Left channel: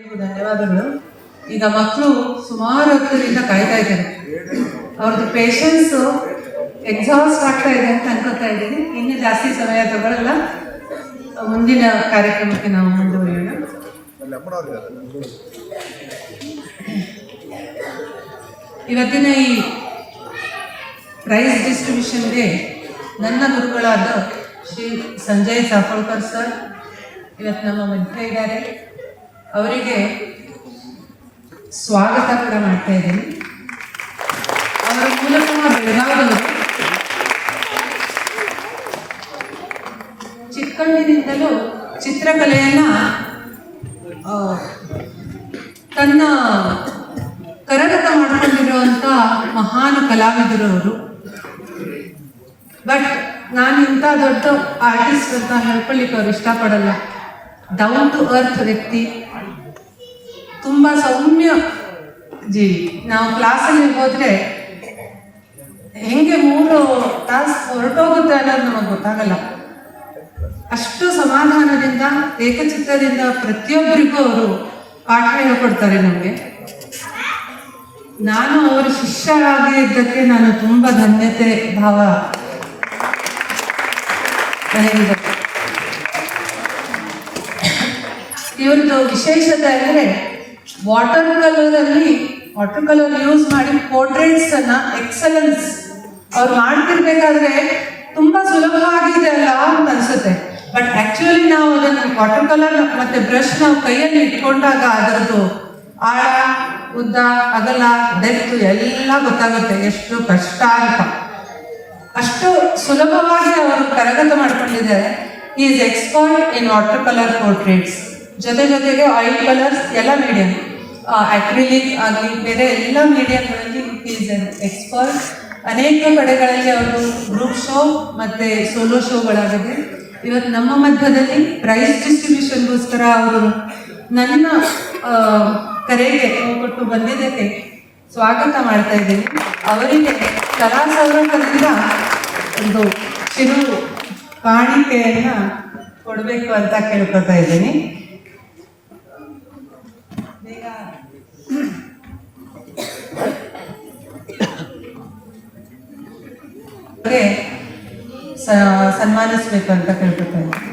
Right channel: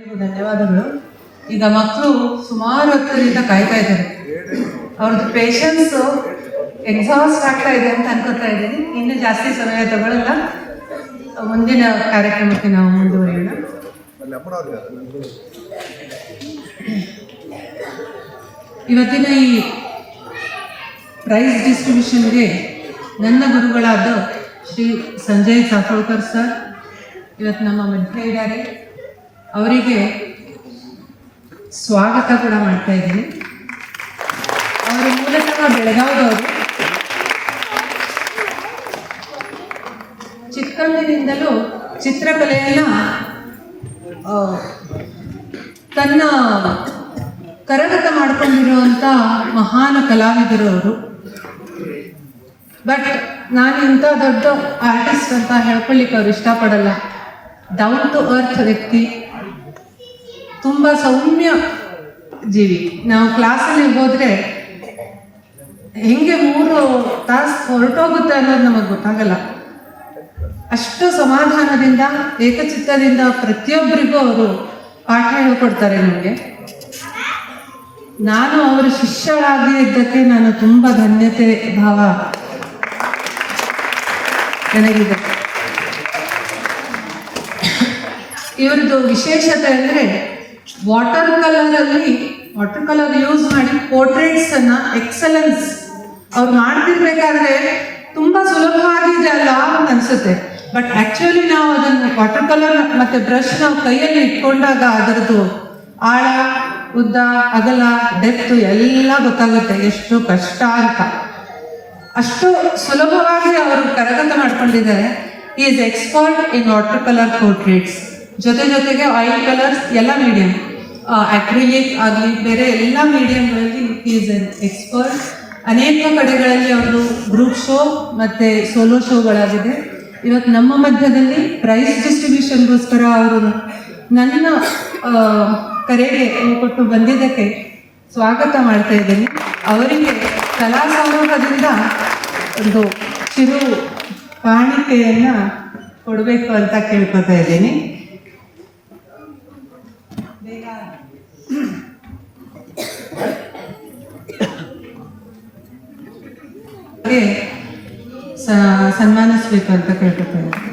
ಧನ್ಯವಾದಗಳು. ಈಗ ಮಕ್ಕಳು ಸುಮಾರು ಹೊತ್ತಿನಿಂದ ಕಾಯ್ತಾ ಇದ್ದಾರೆ. ಅವ್ರದ್ದು ಪೇಷನ್ಸ್ ಎಕ್ಸಾಸ್ಟ್ ಆಗ್ತಾ ಇದೆ ಅಂತ ಅನ್ಕೋತಾ ಇದ್ದೀನಿ. ಇನ್ನು ಜಾಸ್ತಿ ಸಮಯ ತಗೊಳ್ಳಲ್ಲ. ಮುಂದಿನ ಕಾರ್ಯಕ್ರಮಕ್ಕೆ ನಾವು ಮುಂದುವರಿಯೋಣ. ಇವತ್ತಿನ ಈ ಪ್ರೈಸ್ ಡಿಸ್ಟ್ರಿಬ್ಯೂಷನ್ಗೆ ನನ್ನ ಗುರುಗಳಾದ ಶ್ರೀ ಸಂಜಯ್ ಸಾಫೋಳ್ಕರ್ ಸರ್ ಇವತ್ತು ನಮ್ಮ ಮಧ್ಯೆ ಇದ್ದಾರೆ. ಅವರಿಗೆ ಸ್ವಾಗತ ಕೂಡ ಮಾಡ್ತಾ ಇದ್ದೀನಿ. ಅವರ ಮೂಲತಃ ಬೆಳಗಾವಿಯವರು. ಚಿಕ್ಕಂದಿನಿಂದಲೂ ಚಿತ್ರಕಲೆಯನ್ನು ತನ್ನ ಕರಗತ ಮಾಡಿಕೊಂಡಿರುವಂಥ ಮಹಾನ್ ಕಲಾವಿದರು ಅವರು. ಬಟ್ ನಾನು ಇಂಥ ದೊಡ್ಡ ಆರ್ಟಿಸ್ಟ್ ಅಂತ ಹೇಳ್ಕೊಳ್ಳಿಕ್ಕೆ ಅವ್ರು ಇಷ್ಟಪಡಲ್ಲ. ಡೌನ್ ಟು ಅರ್ತ್ ವ್ಯಕ್ತಿ, ತುಂಬ ಸೌಮ್ಯ ಜೀವಿ. ನಾವು ಕ್ಲಾಸಲ್ಲಿ ಹೋದರೆ ಹೆಂಗೆ 3 ತಾಸು ಹೊರಟೋಗುತ್ತೆ ಅನ್ನೋದು ನಮಗೆ ಗೊತ್ತಾಗಲ್ಲ. ಅಷ್ಟು ಸಮಾಧಾನದಿಂದ ಏಕಚಿತ್ತದಿಂದ ಪ್ರತಿಯೊಬ್ಬರಿಗೂ ಅವರು ಪಾಠ ಹೇಳ್ಕೊಡ್ತಾರೆ ನಮಗೆ. ನಾನು ಅವರ ಶಿಷ್ಯಳಾಗಿ ಇದ್ದಕ್ಕೆ ನಾನು ತುಂಬ ಧನ್ಯತೆ ಭಾವ ನನಗಿದೆ. ಇವ್ರದ್ದು ವಿಶೇಷತೆ ಅಂದರೆ ವಾಟರ್ ಕಲರ್ ಯೂಸ್ ಮಾಡಿ ಪೋರ್ಟ್ರೇಟ್ಸನ್ನು ಎಕ್ಸಲೆನ್ಸ್ ಅವ್ರು ಮಾಡ್ತಿರ್ಬೇಕಾದ್ರೆ ತುಂಬ ಸುಲಭವಾಗಿದೆ ಅಲ್ಲ ಅಂತ ಅನಿಸುತ್ತೆ. ಬಟ್ ಆ್ಯಕ್ಚುಲಿ ನಾವು ಅದನ್ನು ವಾಟರ್ ಕಲರ್ ಮತ್ತು ಬ್ರಷ್ ನಾವು ಕೈಯಲ್ಲಿ ಇಟ್ಕೊಂಡಾಗ ಅದರದ್ದು ಆಳ, ಉದ್ದ, ಅಗಲ, ಡೆಪ್ತ್ ಎಲ್ಲ ಗೊತ್ತಾಗುತ್ತೆ ಎಷ್ಟು ಕಷ್ಟ ಅಂತ. ಅಷ್ಟು ಸುಲಭವಾಗಿ ಅವರು ಕರಗತ ಮಾಡ್ಕೊಂಡಿದ್ದಾರೆ. Is expert in water colour portraits. ಜೊತೆಗೆ ಆಯಿಲ್ ಕಲರ್ಸ್ ಎಲ್ಲ ಮೀಡಿಯಂ, ಅಕ್ರಿಲಿಕ್ ಆಗಲಿ ಬೇರೆ ಎಲ್ಲ ಮೀಡಿಯಂಗಳಲ್ಲಿ ಈಸ್ ಎನ್ ಎಕ್ಸ್ಪರ್ಟ್. ಅನೇಕ ಕಡೆಗಳಲ್ಲಿ ಅವರು ಗ್ರೂಪ್ ಶೋ ಮತ್ತು ಸೋಲೋ ಶೋಗಳಾಗಿದೆ. ಇವತ್ತು ನಮ್ಮ ಮಧ್ಯದಲ್ಲಿ ಪ್ರೈಸ್ ಡಿಸ್ಟ್ರಿಬ್ಯೂಷನ್ಗೋಸ್ಕರ ಅವರು ನನ್ನ ಕರೆಗೆ ಕೊಟ್ಟು ಬಂದಿದ್ದಕ್ಕೆ ಸ್ವಾಗತ ಮಾಡ್ತಾ ಇದ್ದೀನಿ. ಅವರಿಗೆ ಕಲಾ ಸೌರಭದಿಂದ ಒಂದು ಚಿರು ಕಾಣಿಕೆಯನ್ನು ಕೊಡಬೇಕು ಅಂತ ಕೇಳ್ಕೊತಾ ಇದ್ದೀನಿ. ಸನ್ಮಾನಿಸ್ಬೇಕು ಅಂತ ಕೇಳ್ಕೊತಾ ಇದ್ದೀನಿ.